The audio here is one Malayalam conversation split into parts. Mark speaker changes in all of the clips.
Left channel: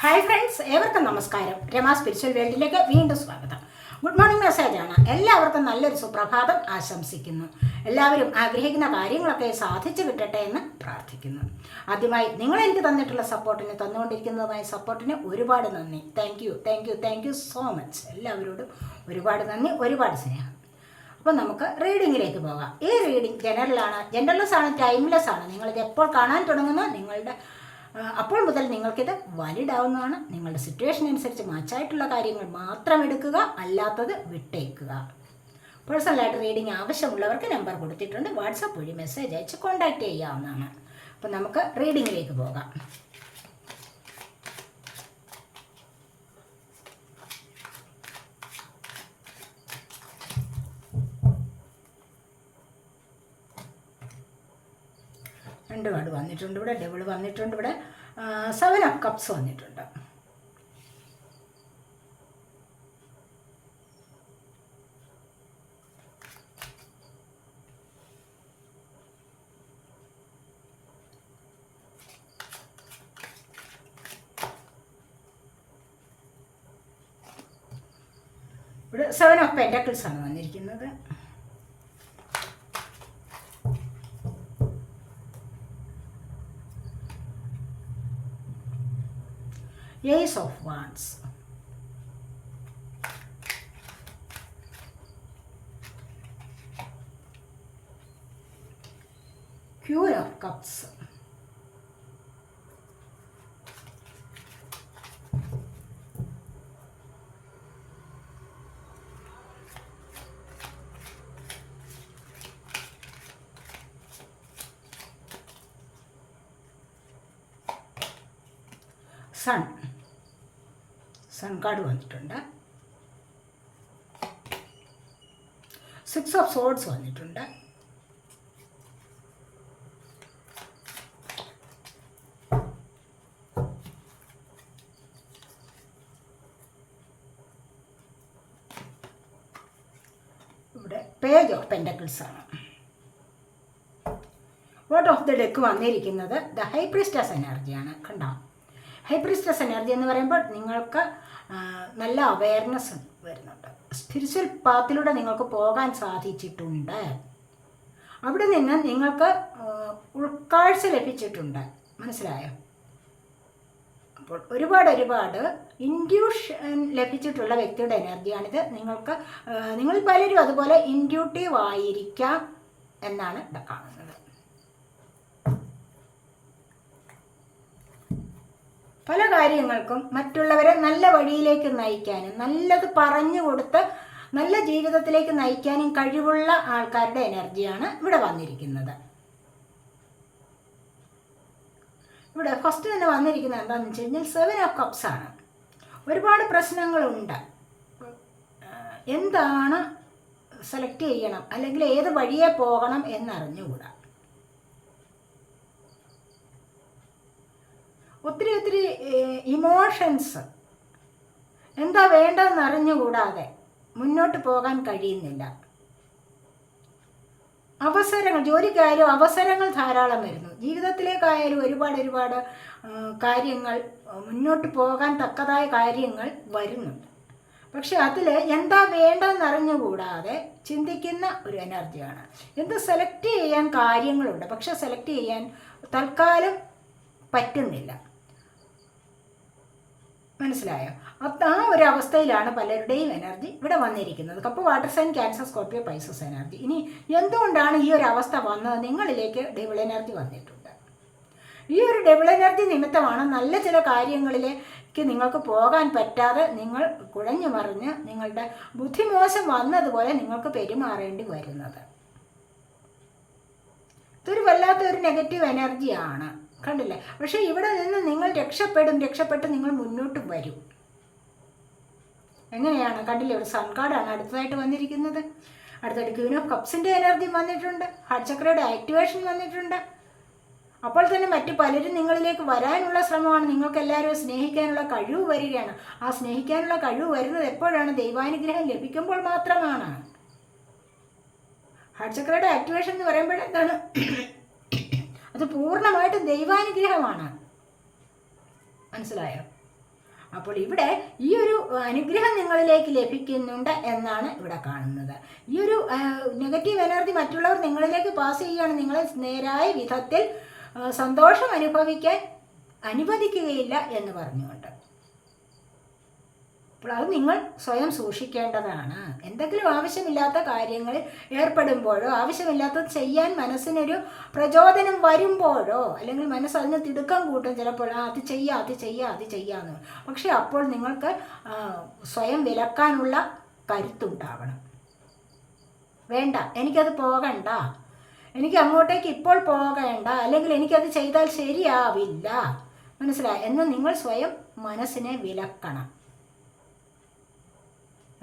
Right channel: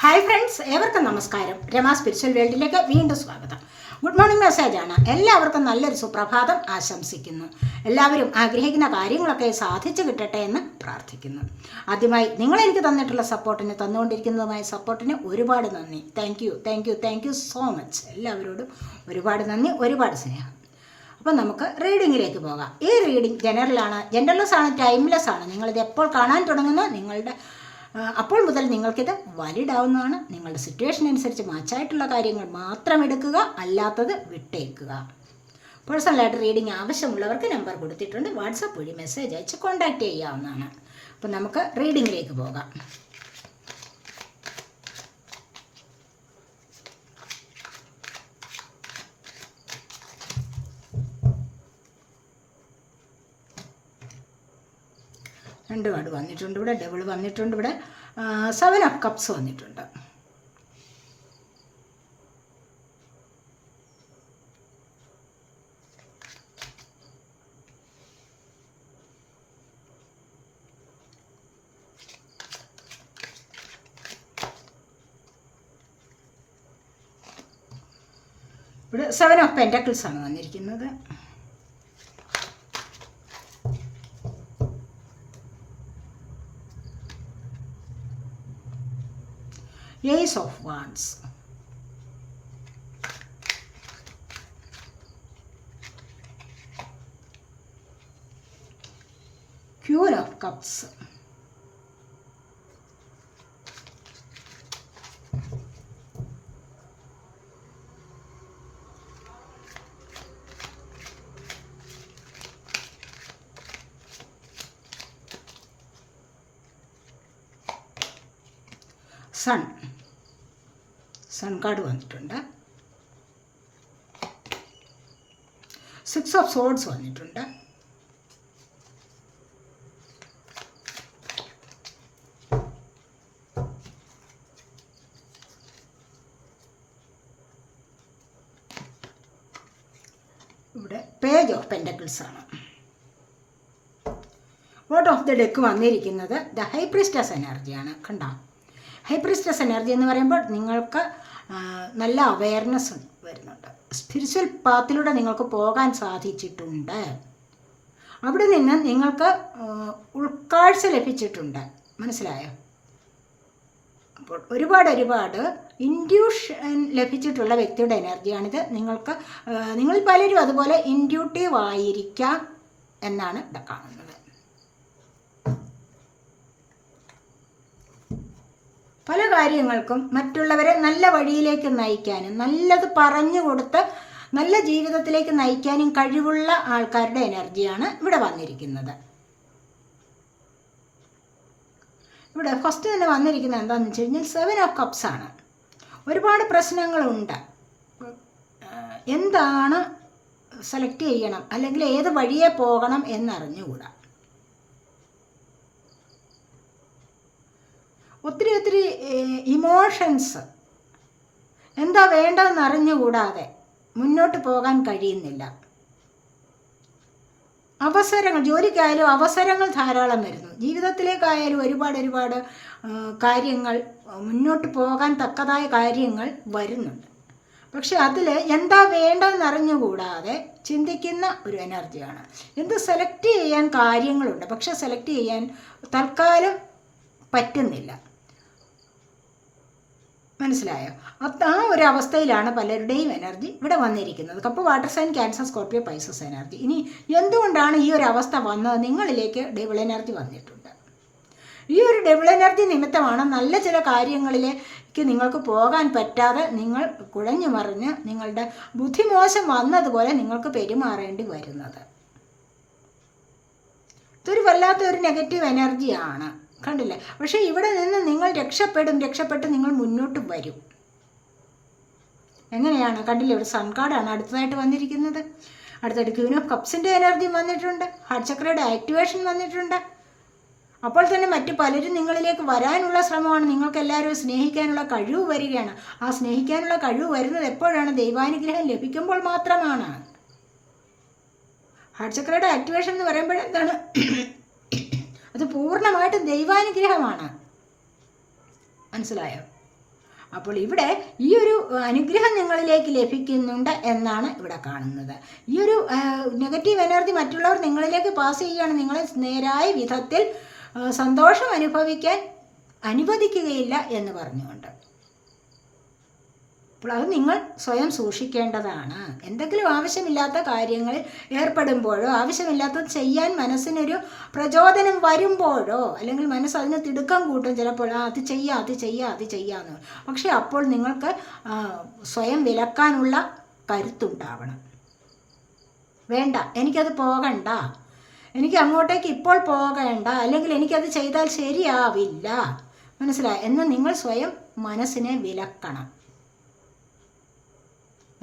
Speaker 1: ഹായ് ഫ്രണ്ട്സ് ഏവർക്കും നമസ്കാരം. രമ സ്പിരിച്വൽ വേൾഡിലേക്ക് വീണ്ടും സ്വാഗതം. ഗുഡ് മോർണിംഗ് മെസ്സേജ് ആണ്. എല്ലാവർക്കും നല്ലൊരു സുപ്രഭാതം ആശംസിക്കുന്നു. എല്ലാവരും ആഗ്രഹിക്കുന്ന കാര്യങ്ങളൊക്കെ സാധിച്ചു കിട്ടട്ടെ എന്ന് പ്രാർത്ഥിക്കുന്നു. ആദ്യമായി നിങ്ങൾ എനിക്ക് തന്നിട്ടുള്ള സപ്പോർട്ടിന് തന്നുകൊണ്ടിരിക്കുന്നതുമായ സപ്പോർട്ടിന് ഒരുപാട് നന്ദി. Thank you thank you thank you so much എല്ലാവരോടും ഒരുപാട് നന്ദി ഒരുപാട് സ്നേഹം. അപ്പോൾ നമുക്ക് റീഡിങ്ങിലേക്ക് പോകാം. ഈ റീഡിംഗ് ജനറലാണ് ജനറൽലെസ് ആണ് ടൈംലെസ് ആണ്. നിങ്ങളിത് എപ്പോൾ കാണാൻ തുടങ്ങുന്ന? നിങ്ങളുടെ അപ്പോൾ മുതൽ നിങ്ങൾക്കിത് വാലിഡ് ആവുന്നതാണ് നിങ്ങളുടെ സിറ്റുവേഷൻ അനുസരിച്ച് മാച്ചായിട്ടുള്ള കാര്യങ്ങൾ മാത്രം എടുക്കുക അല്ലാത്തത് വിട്ടേക്കുക. പേഴ്സണലായിട്ട് റീഡിംഗ് ആവശ്യമുള്ളവർക്ക് നമ്പർ കൊടുത്തിട്ടുണ്ട്. വാട്സപ്പ് വഴി മെസ്സേജ് അയച്ച് കോൺടാക്റ്റ് ചെയ്യാവുന്നതാണ്. അപ്പോൾ നമുക്ക് റീഡിങ്ങിലേക്ക് പോകാം. രണ്ട് കാർഡ് വന്നിട്ടുണ്ട് ഇവിടെ ഡബിൾ വന്നിട്ടുണ്ട് ഇവിടെ. സെവൻ ഓഫ് കപ്സ് വന്നിട്ടുണ്ട്. ഇവിടെ സെവൻ ഓഫ് പെന്റക്കിൾസ് ആണ് വന്നിരിക്കുന്നത്. Ace of Wands. Queen of Cups. Sun sun card വന്നിട്ടുണ്ട്. സിക്സ് ഓഫ് സോഡ്സ് വന്നിട്ടുണ്ട്. ഇവിടെ പേജ് ഓഫ് പെൻഡക്കിൾസ് ആണ്. വോട്ട് ഓഫ് ദ ഡെക്ക് വന്നിരിക്കുന്നത് ദ ഹൈപ്രിസ്റ്റസ് എനർജിയാണ് കണ്ടോ? ഹൈപ്രിസ്റ്റസ് എനർജി എന്ന് പറയുമ്പോൾ നിങ്ങൾക്ക് നല്ല അവയർനെസ് വരുന്നുണ്ട്. സ്പിരിച്വൽ പാത്തിലൂടെ നിങ്ങൾക്ക് പോകാൻ സാധിച്ചിട്ടുണ്ട്. അവിടെ നിന്ന് നിങ്ങൾക്ക് ഉൾക്കാഴ്ച ലഭിച്ചിട്ടുണ്ട്. മനസ്സിലായോ? അപ്പോൾ ഒരുപാട് ഒരുപാട് ഇൻഡ്യൂഷൻ ലഭിച്ചിട്ടുള്ള വ്യക്തിയുടെ എനർജിയാണിത് നിങ്ങൾക്ക് നിങ്ങൾ പലരും അതുപോലെ ഇൻഡ്യൂട്ടീവ് ആയിരിക്കാം എന്നാണ് ഇവിടെ കാണുന്നത്. പല കാര്യങ്ങൾക്കും മറ്റുള്ളവരെ നല്ല വഴിയിലേക്ക് നയിക്കാനും നല്ലത് പറഞ്ഞു കൊടുത്ത് നല്ല ജീവിതത്തിലേക്ക് നയിക്കാനും കഴിവുള്ള ആൾക്കാരുടെ എനർജിയാണ് ഇവിടെ വന്നിരിക്കുന്നത്. ഇവിടെ ഫസ്റ്റ് തന്നെ വന്നിരിക്കുന്നത് എന്താണെന്ന് വെച്ച് കഴിഞ്ഞാൽ സെവൻ ഓഫ് കപ്സ് ആണ്. ഒരുപാട് പ്രശ്നങ്ങളുണ്ട്. എന്താണ് സെലക്ട് ചെയ്യണം അല്ലെങ്കിൽ ഏത് വഴിയെ പോകണം എന്നറിഞ്ഞുകൂടാ. ഒത്തിരി ഒത്തിരി ഇമോഷൻസ് എന്താ വേണ്ടതെന്ന് അറിഞ്ഞുകൂടാതെ മുന്നോട്ട് പോകാൻ കഴിയുന്നില്ല. അവസരങ്ങൾ ജോലിക്കായാലും അവസരങ്ങൾ ധാരാളം വരുന്നു. ജീവിതത്തിലേക്കായാലും ഒരുപാട് ഒരുപാട് കാര്യങ്ങൾ മുന്നോട്ട് പോകാൻ തക്കതായ കാര്യങ്ങൾ വരുന്നുണ്ട്. പക്ഷെ അതിൽ എന്താ വേണ്ടതെന്ന് അറിഞ്ഞുകൂടാതെ ചിന്തിക്കുന്ന ഒരു എനർജിയാണ്. എന്ത് സെലക്ട് ചെയ്യാൻ കാര്യങ്ങളുണ്ട്. പക്ഷെ സെലക്ട് ചെയ്യാൻ തൽക്കാലം പറ്റുന്നില്ല. മനസ്സിലായോ? അപ്പം ആ ഒരു അവസ്ഥയിലാണ് പലരുടെയും എനർജി ഇവിടെ വന്നിരിക്കുന്നത്. Cup water sign Cancer Scorpio Pisces energy ഇനി എന്തുകൊണ്ടാണ് ഈ ഒരു അവസ്ഥ വന്നത്? നിങ്ങളിലേക്ക് ഡെവിൾ എനർജി വന്നിട്ടുണ്ട്. ഈ ഒരു ഡെവിൾ എനർജി നിമിത്തമാണ് നല്ല ചില കാര്യങ്ങളിലേക്ക് നിങ്ങൾക്ക് പോകാൻ പറ്റാതെ നിങ്ങൾ കുഴഞ്ഞു മറിഞ്ഞ് നിങ്ങളുടെ ബുദ്ധിമോശം വന്നതുപോലെ നിങ്ങൾക്ക് പെരുമാറേണ്ടി വരുന്നത്. ഇതൊരു വല്ലാത്തൊരു നെഗറ്റീവ് എനർജിയാണ് കണ്ടില്ലേ? പക്ഷേ ഇവിടെ നിന്ന് നിങ്ങൾ രക്ഷപ്പെടും രക്ഷപ്പെട്ട് നിങ്ങൾ മുന്നോട്ട് വരും. എങ്ങനെയാണ്? കണ്ടില്ലേ? ഒരു സൺകാർഡാണ് അടുത്തതായിട്ട് വന്നിരിക്കുന്നത്. അടുത്തായിട്ട് ക്യൂൻ ഓഫ് കപ്സിന്റെ എനർജി വന്നിട്ടുണ്ട്. ഹാർട്ട് ചക്രയുടെ ആക്ടിവേഷൻ വന്നിട്ടുണ്ട്. അപ്പോൾ തന്നെ മറ്റ് പലരും നിങ്ങളിലേക്ക് വരാനുള്ള ശ്രമമാണ്. നിങ്ങൾക്ക് എല്ലാവരും സ്നേഹിക്കാനുള്ള കഴിവ് വരികയാണ്. ആ സ്നേഹിക്കാനുള്ള കഴിവ് വരുന്നത് എപ്പോഴാണ്? ദൈവാനുഗ്രഹം ലഭിക്കുമ്പോൾ മാത്രമാണ്. ഹാർട്ട് ചക്രയുടെ ആക്ടിവേഷൻ എന്ന് പറയുമ്പോൾ എന്താണ് അത് പൂർണമായിട്ടും ദൈവാനുഗ്രഹമാണ്. മനസ്സിലായോ? അപ്പോൾ ഇവിടെ ഈ ഒരു അനുഗ്രഹം നിങ്ങളിലേക്ക് ലഭിക്കുന്നുണ്ട് എന്നാണ് ഇവിടെ കാണുന്നത്. ഈ ഒരു നെഗറ്റീവ് എനർജി മറ്റുള്ളവർ നിങ്ങളിലേക്ക് പാസ് ചെയ്യുകയാണ്. നിങ്ങളെ നേരായ വിധത്തിൽ സന്തോഷം അനുഭവിക്കാൻ അനുവദിക്കുകയില്ല എന്ന് പറഞ്ഞുകൊണ്ട്. അപ്പോൾ അത് നിങ്ങൾ സ്വയം സൂക്ഷിക്കേണ്ടതാണ്. എന്തെങ്കിലും ആവശ്യമില്ലാത്ത കാര്യങ്ങൾ ഏർപ്പെടുമ്പോഴോ ആവശ്യമില്ലാത്തത് ചെയ്യാൻ മനസ്സിനൊരു പ്രചോദനം വരുമ്പോഴോ അല്ലെങ്കിൽ മനസ്സ് അതിന് തിടുക്കം കൂട്ടും ചിലപ്പോൾ ആ അത് ചെയ്യാം അത് ചെയ്യാം അത് ചെയ്യാമെന്ന് പക്ഷേ അപ്പോൾ നിങ്ങൾക്ക് സ്വയം വിലക്കാനുള്ള കരുത്തുണ്ടാവണം. വേണ്ട എനിക്കത് പോകണ്ട. എനിക്ക് അങ്ങോട്ടേക്ക് ഇപ്പോൾ പോകേണ്ട. അല്ലെങ്കിൽ എനിക്കത് ചെയ്താൽ ശരിയാവില്ല. മനസ്സിലായി? എന്ന് നിങ്ങൾ സ്വയം മനസ്സിനെ വിലക്കണം.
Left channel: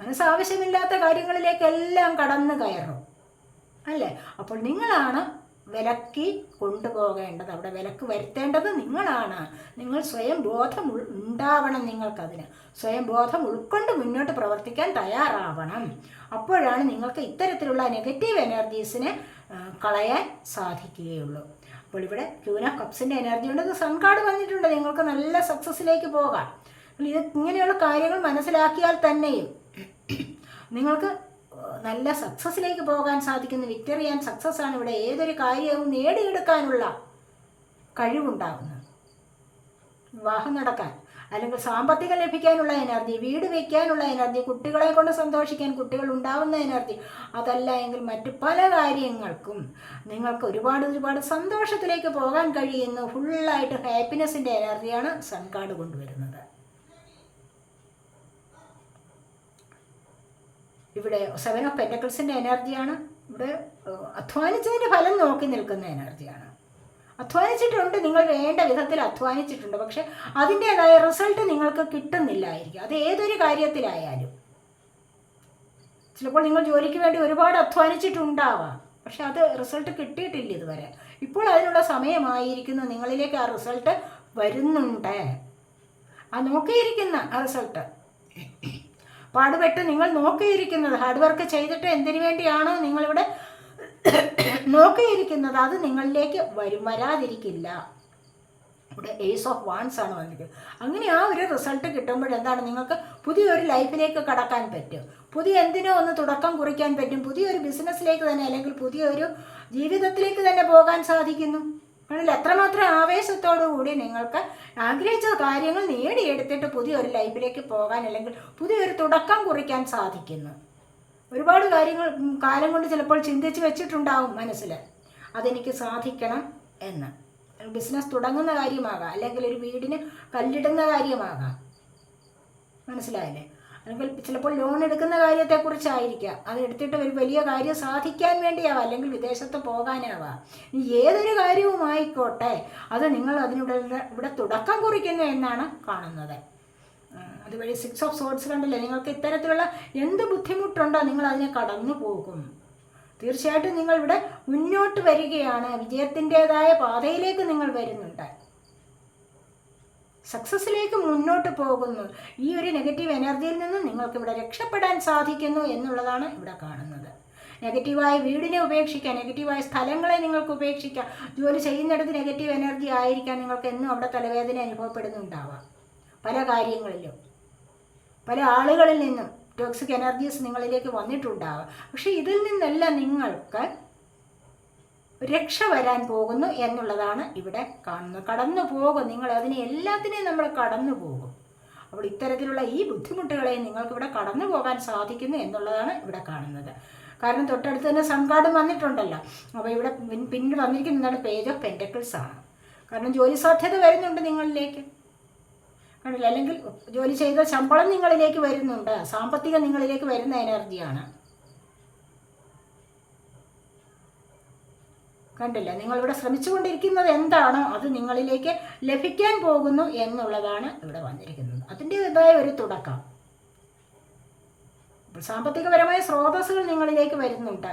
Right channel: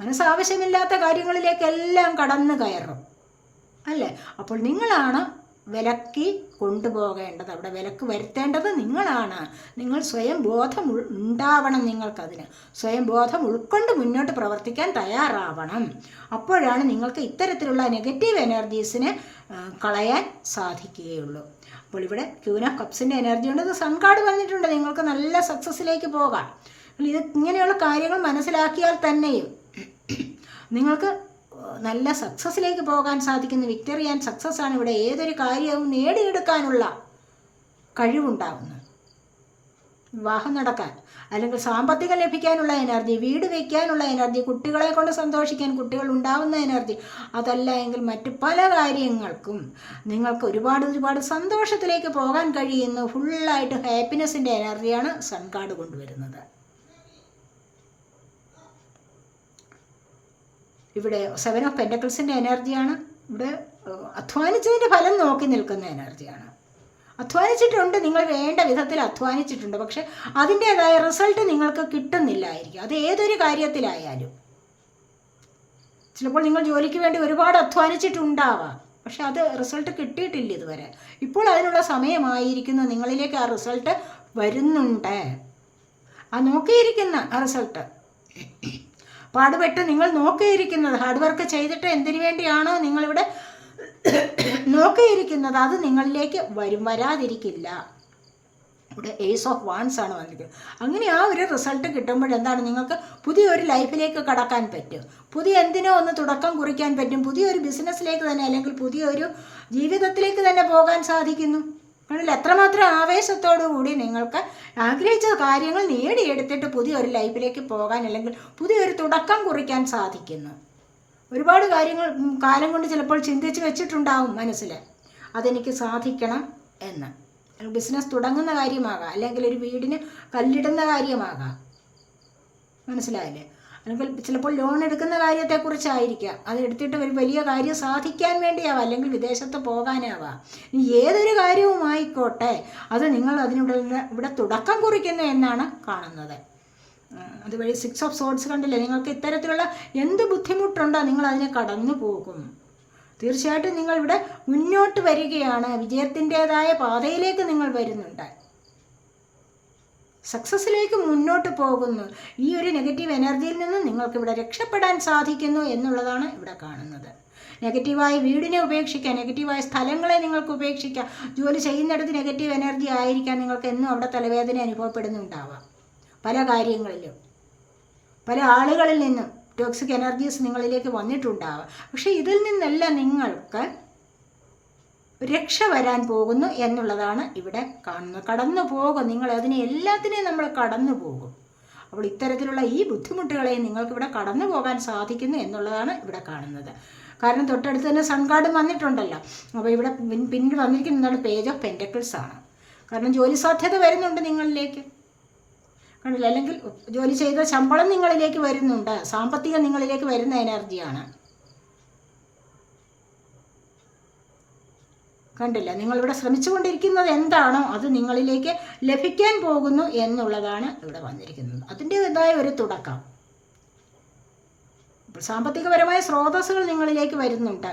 Speaker 1: മനസ്സാവശ്യമില്ലാത്ത കാര്യങ്ങളിലേക്കെല്ലാം കടന്നു കയറും. അല്ലേ? അപ്പോൾ നിങ്ങളാണ് വിലക്കി കൊണ്ടുപോകേണ്ടത്. അവിടെ വിലക്ക് വരുത്തേണ്ടത് നിങ്ങളാണ്. നിങ്ങൾ സ്വയം ബോധം ഉണ്ടാവണം നിങ്ങൾക്കതിന്. സ്വയം ബോധം ഉൾക്കൊണ്ട് മുന്നോട്ട് പ്രവർത്തിക്കാൻ തയ്യാറാവണം. അപ്പോഴാണ് നിങ്ങൾക്ക് ഇത്തരത്തിലുള്ള നെഗറ്റീവ് എനർജീസിനെ കളയാൻ സാധിക്കുകയുള്ളൂ. അപ്പോൾ ഇവിടെ ഓഫ് കപ്സിന്റെ എനർജി കൊണ്ട് സംകാട് വന്നിട്ടുണ്ട്. നിങ്ങൾക്ക് നല്ല സക്സസ്സിലേക്ക് പോകാം. ഇത് ഇങ്ങനെയുള്ള കാര്യങ്ങൾ മനസ്സിലാക്കിയാൽ തന്നെയും നിങ്ങൾക്ക് നല്ല സക്സസ്സിലേക്ക് പോകാൻ സാധിക്കുന്ന വിക്ടറി ആൻഡ് സക്സസ് ആണ് ഇവിടെ ഏതൊരു കാര്യവും നേടിയെടുക്കാനുള്ള കഴിവുണ്ടാകുന്നത്. വിവാഹം നടക്കാൻ അല്ലെങ്കിൽ സാമ്പത്തികം ലഭിക്കാനുള്ള എനർജി വീട് വയ്ക്കാനുള്ള എനർജി കുട്ടികളെ കൊണ്ട് സന്തോഷിക്കാൻ കുട്ടികൾ ഉണ്ടാവുന്ന എനർജി അതല്ല എങ്കിൽ മറ്റ് പല കാര്യങ്ങൾക്കും നിങ്ങൾക്ക് ഒരുപാട് ഒരുപാട് സന്തോഷത്തിലേക്ക് പോകാൻ കഴിയുന്ന ഫുള്ളായിട്ട് ഹാപ്പിനെസ്സിന്റെ എനർജിയാണ് സൺ കാർഡ് കൊണ്ടുവരുന്നത്. ഇവിടെ സെവൻ ഓഫ് പെന്റക്കിൾസിന്റെ എനർജിയാണ് ഇവിടെ അധ്വാനിച്ചതിന്റെ ഫലം നോക്കി നിൽക്കുന്ന എനർജിയാണ് അധ്വാനിച്ചിട്ടുണ്ട് നിങ്ങൾ വേണ്ട വിധത്തിൽ അധ്വാനിച്ചിട്ടുണ്ട്. പക്ഷെ അതിന്റേതായ റിസൾട്ട് നിങ്ങൾക്ക് കിട്ടുന്നില്ലായിരിക്കും. അത് ഏതൊരു കാര്യത്തിലായാലും. ചിലപ്പോൾ നിങ്ങൾ ജോലിക്ക് വേണ്ടി ഒരുപാട് അധ്വാനിച്ചിട്ടുണ്ടാവാം. പക്ഷെ അത് റിസൾട്ട് കിട്ടിയിട്ടില്ല ഇതുവരെ. ഇപ്പോൾ അതിനുള്ള സമയമായിരിക്കുന്നു. നിങ്ങളിലേക്ക് ആ റിസൾട്ട് വരുന്നുണ്ട്. ആ നോക്കിയിരിക്കുന്ന ആ റിസൾട്ട് പാടുപെട്ട് നിങ്ങൾ നോക്കിയിരിക്കുന്നത്. ഹാർഡ് വർക്ക് ചെയ്തിട്ട് എന്തിനു വേണ്ടിയാണോ നിങ്ങളിവിടെ നോക്കിയിരിക്കുന്നത്? അത് നിങ്ങളിലേക്ക് വരും വരാതിരിക്കില്ല. ഇവിടെ ഏസ് ഓഫ് വാൻസ് ആണ് വന്നത്. അങ്ങനെ ആ ഒരു റിസൾട്ട് കിട്ടുമ്പോൾ എന്താണ് നിങ്ങൾക്ക് പുതിയൊരു ലൈഫിലേക്ക് കടക്കാൻ പറ്റും. പുതിയ എന്തിനോ ഒന്ന് തുടക്കം കുറിക്കാൻ പറ്റും. പുതിയൊരു ബിസിനസ്സിലേക്ക് തന്നെ അല്ലെങ്കിൽ പുതിയൊരു ജീവിതത്തിലേക്ക് തന്നെ പോകാൻ സാധിക്കുന്നു. കാരണം എത്രമാത്രം ആവേശത്തോടു കൂടി നിങ്ങൾക്ക് ആഗ്രഹിച്ച കാര്യങ്ങൾ നേടിയെടുത്തിട്ട് പുതിയൊരു ലൈഫിലേക്ക് പോകാൻ അല്ലെങ്കിൽ പുതിയൊരു തുടക്കം കുറിക്കാൻ സാധിക്കുന്നു. ഒരുപാട് കാര്യങ്ങൾ കാലം കൊണ്ട് ചിലപ്പോൾ ചിന്തിച്ച് വെച്ചിട്ടുണ്ടാവും മനസ്സിൽ. അതെനിക്ക് സാധിക്കണം എന്ന്. ബിസിനസ് തുടങ്ങുന്ന കാര്യമാകാം അല്ലെങ്കിൽ ഒരു വീടിന് കല്ലിടുന്ന കാര്യമാകാം. മനസ്സിലായില്ലേ? അല്ലെങ്കിൽ ചിലപ്പോൾ ലോൺ എടുക്കുന്ന കാര്യത്തെക്കുറിച്ചായിരിക്കാം. അത് എടുത്തിട്ട് ഒരു വലിയ കാര്യം സാധിക്കാൻ വേണ്ടിയാവാം. അല്ലെങ്കിൽ വിദേശത്ത് പോകാനാവാം. ഇനി ഏതൊരു കാര്യവുമായിക്കോട്ടെ അത് നിങ്ങൾ അതിനിവിടെ ഇവിടെ തുടക്കം കുറിക്കുന്നു എന്നാണ് കാണുന്നത്. അതുവഴി സിക്സ് ഓഫ് സോഡ്സ് കണ്ടില്ലേ? നിങ്ങൾക്ക് ഇത്തരത്തിലുള്ള എന്ത് ബുദ്ധിമുട്ടുണ്ടോ നിങ്ങൾ അതിനെ കടന്നു പോകും. തീർച്ചയായിട്ടും നിങ്ങൾ ഇവിടെ മുന്നോട്ട് വരികയാണ്. വിജയത്തിന്റെതായ പാതയിലേക്ക് നിങ്ങൾ വരുന്നുണ്ട്. സക്സസ്സിലേക്ക് മുന്നോട്ട് പോകുന്നു. ഈ ഒരു നെഗറ്റീവ് എനർജിയിൽ നിന്നും നിങ്ങൾക്ക് ഇവിടെ രക്ഷപ്പെടാൻ സാധിക്കുന്നു എന്നുള്ളതാണ് ഇവിടെ കാണുന്നത്. നെഗറ്റീവായ വീടിനെ ഉപേക്ഷിക്കാം നെഗറ്റീവായ സ്ഥലങ്ങളെ നിങ്ങൾക്ക് ഉപേക്ഷിക്കാം ജോലി ചെയ്യുന്നിടത്ത് നെഗറ്റീവ് എനർജി ആയിരിക്കാം നിങ്ങൾക്ക് എന്നും അവിടെ തലവേദന അനുഭവപ്പെടുന്നുണ്ടാവാം. പല കാര്യങ്ങളിലും. പല ആളുകളിൽ നിന്നും ടോക്സിക് എനർജീസ് നിങ്ങളിലേക്ക് വന്നിട്ടുണ്ടാവാം. പക്ഷേ ഇതിൽ നിന്നെല്ലാം നിങ്ങൾക്ക് രക്ഷ വരാൻ പോകുന്നു എന്നുള്ളതാണ് ഇവിടെ കാണുന്നത്. കടന്നു പോകും. നിങ്ങൾ അതിനെ എല്ലാത്തിനെയും നമ്മൾ കടന്നു പോകും. അപ്പോൾ ഇത്തരത്തിലുള്ള ഈ ബുദ്ധിമുട്ടുകളെ നിങ്ങൾക്കിവിടെ കടന്നു പോകാൻ സാധിക്കുന്നു എന്നുള്ളതാണ് ഇവിടെ കാണുന്നത്. കാരണം തൊട്ടടുത്ത് തന്നെ സൺകാർഡ് വന്നിട്ടുണ്ടല്ലോ. അപ്പോൾ ഇവിടെ പിന്നീട് വന്നിരിക്കുന്നതാണ് പേജ് ഓഫ് പെന്റക്കിൾസ് ആണ്. കാരണം ജോലി സാധ്യത വരുന്നുണ്ട് നിങ്ങളിലേക്ക്. കണ്ടില്ല? അല്ലെങ്കിൽ ജോലി ചെയ്ത ശമ്പളം നിങ്ങളിലേക്ക് വരുന്നുണ്ട്. സാമ്പത്തികം നിങ്ങളിലേക്ക് വരുന്ന എനർജിയാണ് കണ്ടില്ല. നിങ്ങളിവിടെ ശ്രമിച്ചുകൊണ്ടിരിക്കുന്നത് എന്താണോ അത് നിങ്ങളിലേക്ക് ലഭിക്കാൻ പോകുന്നു എന്നുള്ളതാണ് ഇവിടെ വന്നിരിക്കുന്നത്. അതിന്റെതായ ഒരു തുടക്കം. സാമ്പത്തികപരമായ സ്രോതസ്സുകൾ നിങ്ങളിലേക്ക് വരുന്നുണ്ട്.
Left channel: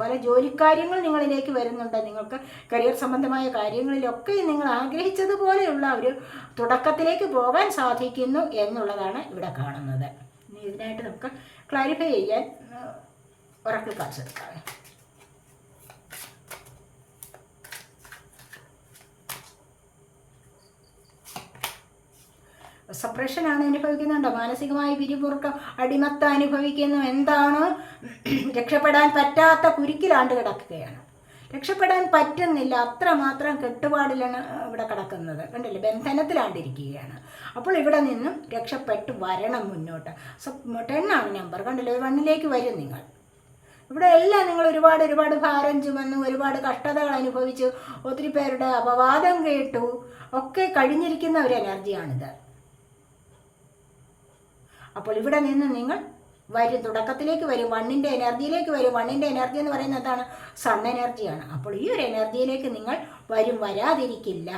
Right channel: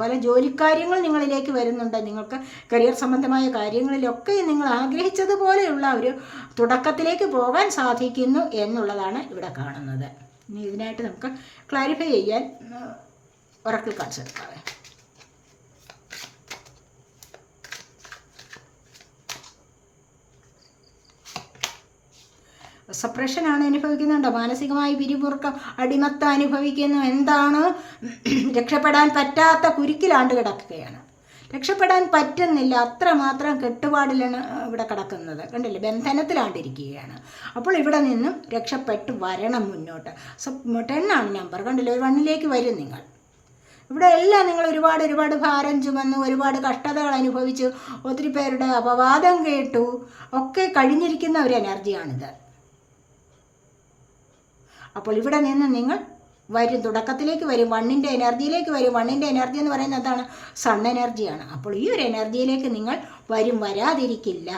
Speaker 1: പല ജോലിക്കാര്യങ്ങൾ നിങ്ങളിലേക്ക് വരുന്നുണ്ട്. നിങ്ങൾക്ക് കരിയർ സംബന്ധമായ കാര്യങ്ങളിലൊക്കെ നിങ്ങൾ ആഗ്രഹിച്ചതുപോലെയുള്ള ഒരു തുടക്കത്തിലേക്ക് പോകാൻ സാധിക്കുന്നു എന്നുള്ളതാണ് ഇവിടെ കാണുന്നത്. ഇനി ഇതിനായിട്ട് നമുക്ക് ക്ലാരിഫൈ ചെയ്യാൻ ഉറക്കിൽ കാണിച്ചെടുക്കാം സപ്രഷനാണ് അനുഭവിക്കുന്നുണ്ടോ? മാനസികമായി പിരിമുറുക്കം അടിമത്ത അനുഭവിക്കുന്നു. എന്താണ്? രക്ഷപ്പെടാൻ പറ്റാത്ത കുരുക്കിലാണ്ട് കിടക്കുകയാണ്. രക്ഷപ്പെടാൻ പറ്റുന്നില്ല. അത്രമാത്രം കെട്ടുപാടിലാണ് ഇവിടെ കിടക്കുന്നത്. കണ്ടില്ലേ? ബന്ധനത്തിലാണ്ടിരിക്കുകയാണ് അപ്പോൾ ഇവിടെ നിന്നും രക്ഷപ്പെട്ട് വരണം മുന്നോട്ട്. സോ ടെണ്ണാണ് നമ്പർ കണ്ടില്ലേ? ഒരു വണ്ണിലേക്ക് വരും നിങ്ങൾ. ഇവിടെ എല്ലാം നിങ്ങൾ ഒരുപാട് ഒരുപാട് ഭാരം ചുമന്നു ഒരുപാട് കഷ്ടതകൾ അനുഭവിച്ചു. ഒത്തിരി പേരുടെ അപവാദം കേട്ടു. ഒക്കെ കഴിഞ്ഞിരിക്കുന്ന ഒരു എനർജിയാണിത് അപ്പോൾ ഇവിടെ നിന്ന് നിങ്ങൾ വരും തുടക്കത്തിലേക്ക് വരും വണ്ണിന്റെ എനർജിയിലേക്ക് വരും. വണ്ണിന്റെ എനർജി എന്ന് പറയുന്നത് എന്താണ്? സൺ എനർജിയാണ്. അപ്പോൾ ഈ ഒരു എനർജിയിലേക്ക് നിങ്ങൾ വരും വരാതിരിക്കില്ല.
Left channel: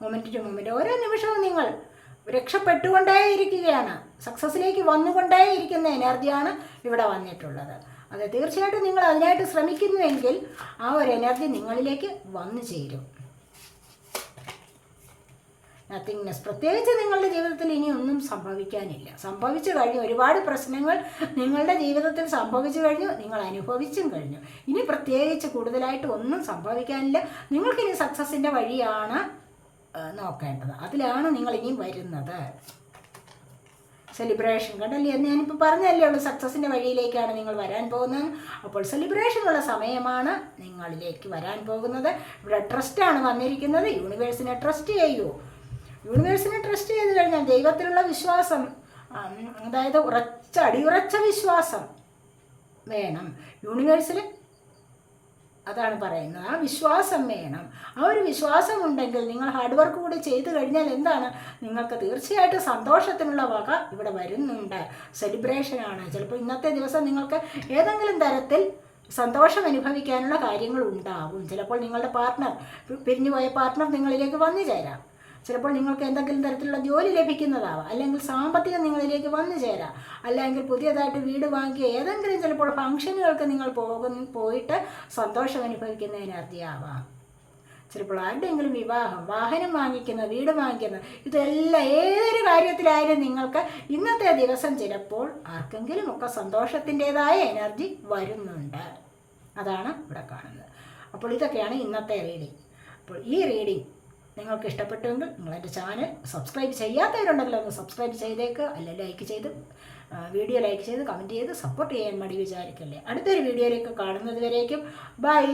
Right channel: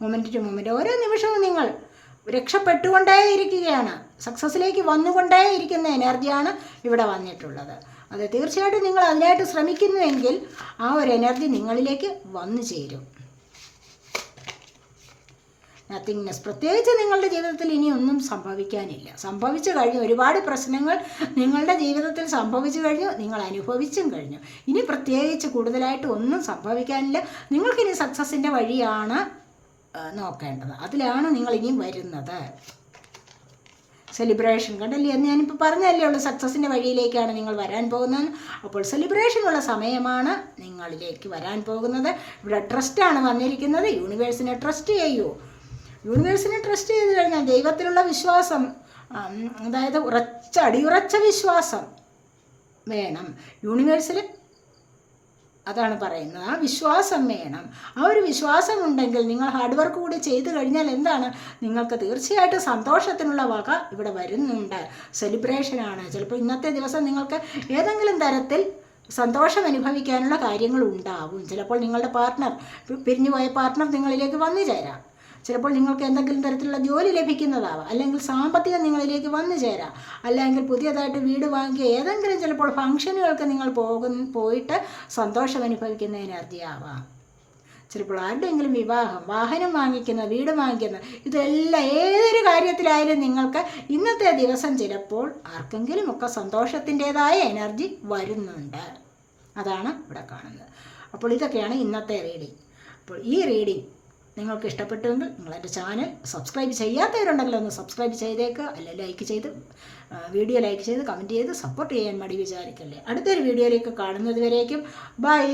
Speaker 1: മൊമെന്റ് ടു മൊമെന്റ് ഓരോ നിമിഷവും നിങ്ങൾ രക്ഷപ്പെട്ടുകൊണ്ടേ ഇരിക്കുകയാണ് സക്സസ്സിലേക്ക് വന്നുകൊണ്ടേയിരിക്കുന്ന എനർജിയാണ് ഇവിടെ വന്നിട്ടുള്ളത്. അത് തീർച്ചയായിട്ടും നിങ്ങൾ അതിനായിട്ട് ശ്രമിക്കുന്നുവെങ്കിൽ ആ ഒരു എനർജി നിങ്ങളിലേക്ക് വന്നു ചേരും. നത്തിങ്നെസ് പ്രത്യേകിച്ച് നിങ്ങളുടെ ജീവിതത്തിൽ ഇനി ഒന്നും സംഭവിക്കാനില്ല. സംഭവിച്ചു കഴിഞ്ഞു. ഒരുപാട് പ്രശ്നങ്ങൾ നിങ്ങളുടെ ജീവിതത്തിൽ സംഭവിച്ചു കഴിഞ്ഞു. നിങ്ങൾ അനുഭവിച്ചും കഴിഞ്ഞു. ഇനി പ്രത്യേകിച്ച് കൂടുതലായിട്ട് ഒന്നും സംഭവിക്കാനില്ല. നിങ്ങൾക്കിനി സക്സസിന്റെ വഴിയാണ് നോക്കേണ്ടത്. അതിലാണ് നിങ്ങൾ ഇനി വരുന്നത്. സെലിബ്രേഷൻ കണ്ടല്ലേ? ഞാനിപ്പോൾ പറഞ്ഞല്ലേ ഉള്ളൂ. സക്സസിന്റെ വഴിയിലേക്കാണ് നിങ്ങൾ വരാൻ പോകുന്നത്. അപ്പോൾ സെലിബ്രേഷനുള്ള സമയമാണ് നിങ്ങളിലേക്ക് വരാൻ പോകുന്നത്. ഇവിടെ ട്രസ്റ്റാണ് വന്നിരിക്കുന്നത്. യൂണിവേഴ്സിനെ ട്രസ്റ്റ് ചെയ്യൂ. യൂണിവേഴ്സിനെ ട്രസ്റ്റ് ചെയ്ത് കഴിഞ്ഞാൽ ദൈവത്തിലുള്ള വിശ്വാസം അതായത് ഉറച്ച അടിയുറച്ച വിശ്വാസം വേണം. യൂണിവേഴ്സിൽ അതാണ് പറയുന്നത്. ആ വിശ്വാസം വേണം. ആ ഒരു വിശ്വാസം ഉണ്ടെങ്കിൽ നിങ്ങൾ ഹാർഡ് വർക്ക് കൂടി ചെയ്തു കഴിഞ്ഞാൽ എന്താണ്? നിങ്ങൾക്ക് തീർച്ചയായിട്ടും സന്തോഷത്തിനുള്ള വക ഇവിടെ വരുന്നുണ്ട്. സെലിബ്രേഷനാണ് ചിലപ്പോൾ ഇന്നത്തെ ദിവസം നിങ്ങൾക്ക് ഏതെങ്കിലും തരത്തിൽ സന്തോഷം അനുഭവിക്കാനുള്ള കാര്യങ്ങൾ ഉണ്ടാവും. ചിലപ്പോൾ നിങ്ങളുടെ പാർട്ട്ണർ പിരിഞ്ഞുപോയ പാർട്ട്ണർ നിങ്ങളിലേക്ക് വന്നു ചേരാം. ചിലപ്പോൾ നിങ്ങൾക്ക് എന്തെങ്കിലും തരത്തിലുള്ള ജോലി ലഭിക്കുന്നതാവാം. അല്ലെങ്കിൽ സാമ്പത്തികം നിങ്ങളിലേക്ക് വന്നു ചേരാം. അല്ലെങ്കിൽ പുതിയതായിട്ട് വീട് വാങ്ങിയ ഏതെങ്കിലും ചിലപ്പോൾ ഫംഗ്ഷനുകൾക്ക് നിങ്ങൾ പോകുന്ന പോയിട്ട് സന്തോഷം അനുഭവിക്കുന്ന എനർജി ചിലപ്പോൾ ആരുടെയെങ്കിലും വിവാഹം വാഹനം വാങ്ങിക്കുന്ന വീട് വാങ്ങിക്കുന്ന ഇതെല്ലാം ഏതൊരു കാര്യത്തിലായാലും നിങ്ങൾക്ക് ഇന്നത്തെ ദിവസം ചിലപ്പോൾ ആർക്കെങ്കിലും ഒക്കെ സന്തോഷത്തിന്റെതായ എനർജി വരുന്നുണ്ട്. അതാണ് ഇവിടെ കാണുന്നത്. അപ്പോൾ ഇതൊക്കെയാണ് ഇന്നത്തെ റീഡിങ്. അപ്പോൾ ഈ റീഡിങ് നിങ്ങൾക്ക് ഇഷ്ടപ്പെട്ടുവെങ്കിൽ നിങ്ങളെന്റെ ചാനൽ സബ്സ്ക്രൈബ് ചെയ്യാത്തവരുണ്ടെങ്കിൽ ഒന്ന് സബ്സ്ക്രൈബ് ചെയ്തേക്കുക അല്ല ലൈക്ക് ചെയ്ത് വീഡിയോ ലൈക്ക് ചെയ്ത് കമന്റ് ചെയ്ത് സപ്പോർട്ട് ചെയ്യാൻ മടി വിചാരിക്കല്ലേ. അടുത്തൊരു വീഡിയോയിലേക്ക് കാണുന്നത് വരേക്കും ബൈ